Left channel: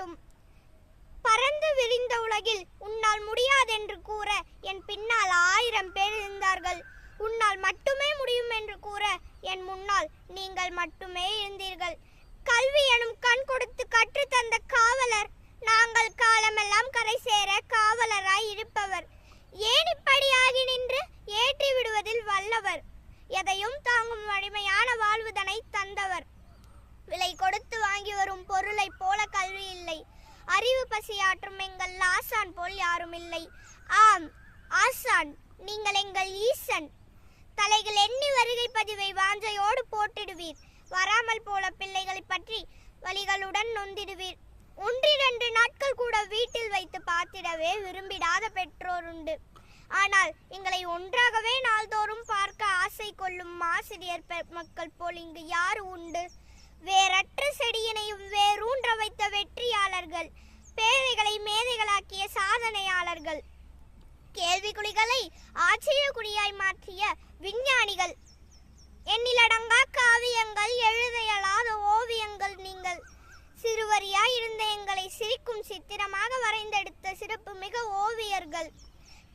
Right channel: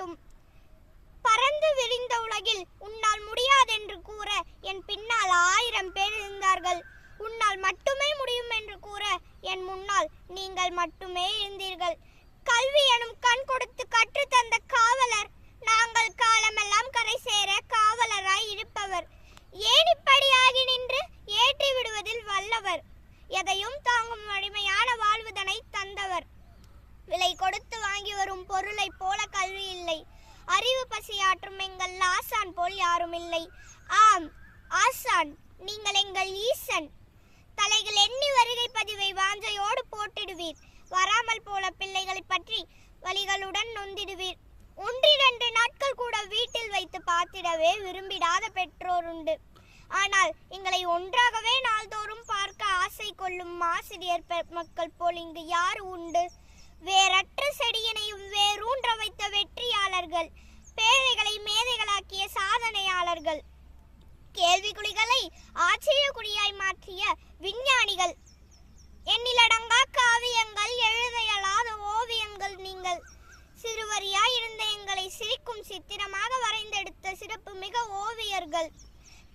ஓசை பறந்து விரிந்த உலகில் உன்னால் முடியாதென்று கூற என் பின்னால் ஆயிரம் பேர் இருந்தார்கள். உன்னால் மட்டுமே முடியும் என்று கூற என் முன்னால் நீங்கள் மட்டுமே இருந்தீர்கள். கல்வி எனும் கண் கொடுத்து கற்றுத் தந்த காவலர் நாங்கள் காலமெல்லாம் கரை சேர காவலராய் இருப்பவர். ஏணிப்படியாகி நின்று ஏற்றி விடுவதில் வல்லவர்? எதையும் தாங்கும் வலிமையான வாழ்வுதனை தந்தவர் விலை கொடுத்து வாங்கி வரும் பொருளைப் போல கல்வி இல்லை அறிவு பசியாற்றும் எங்கள் ஆசான் போல் யாரும் இல்லை ஆம் ஆசான் நீங்கள் எங்கள் ஈசன். தலைகள் எண்ணி வருகை பதிவை வாஞ்சையோடு போட்டிடுவீர். வராமல் போல பிள்ளைகளை பற்றி வழிகளுடன் நொந்திடுவீர். ஒன்றிரண்டு நாட்கள் கூட வீட்டில் வைத்து பார்த்திடவே விரும்பிடாத பெற்றோர் உண்டு ஆனால் எங்களை ஒன்றாகவே நாள்தோறும் பார்க்க ஆசை கொள்ளும் ஆசிரியர் மக்கள் போல் இங்கு யார் உண்டு? கேள்விக்குறிகளை ஆச்சரியக்குறியாய் மாற்றிய விஞ்ஞானிகள். எண்ணிலடங்கா காவியங்கள் எழுதையலாத ஓவியங்கள் நீங்கள். சிறுவரியாய் இருந்த எங்களை சிரிக்கும் சித்திரமாக வரைந்தெடுத்த சிறப்பு மிக ஓவியர்கள்.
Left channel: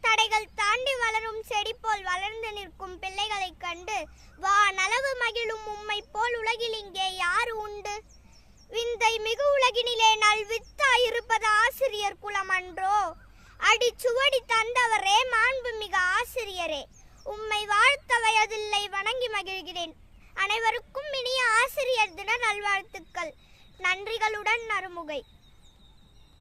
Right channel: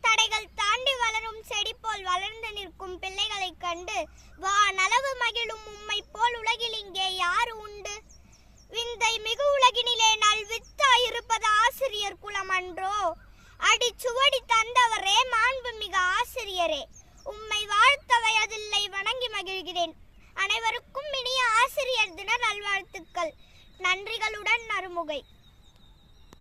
தடைகள் தாண்டி வளரும் செடி போல் வளர்ந்து நிற்கும் பிள்ளைகளை கண்டு வா நலவு மகிழும் உம்மை போல் உலகில் இங்கே யார் உண்டு? விந்தை மிகு உலகினிலே நல் வித்தாய் இருப்பது ஆசிரியர் குலம் அன்றோ அடி சுவடி தந்தவரே மாண்புமிகு ஆசிரியரே. உம்மை வாழ்த்த வயதில்லை வணங்கி மகிழ்கிறேன். அனைவருக்கும் இனிய ஆசிரியர் தின நல்வாழ்த்துக்கள். நன்றிகளுடன் நறுமுகை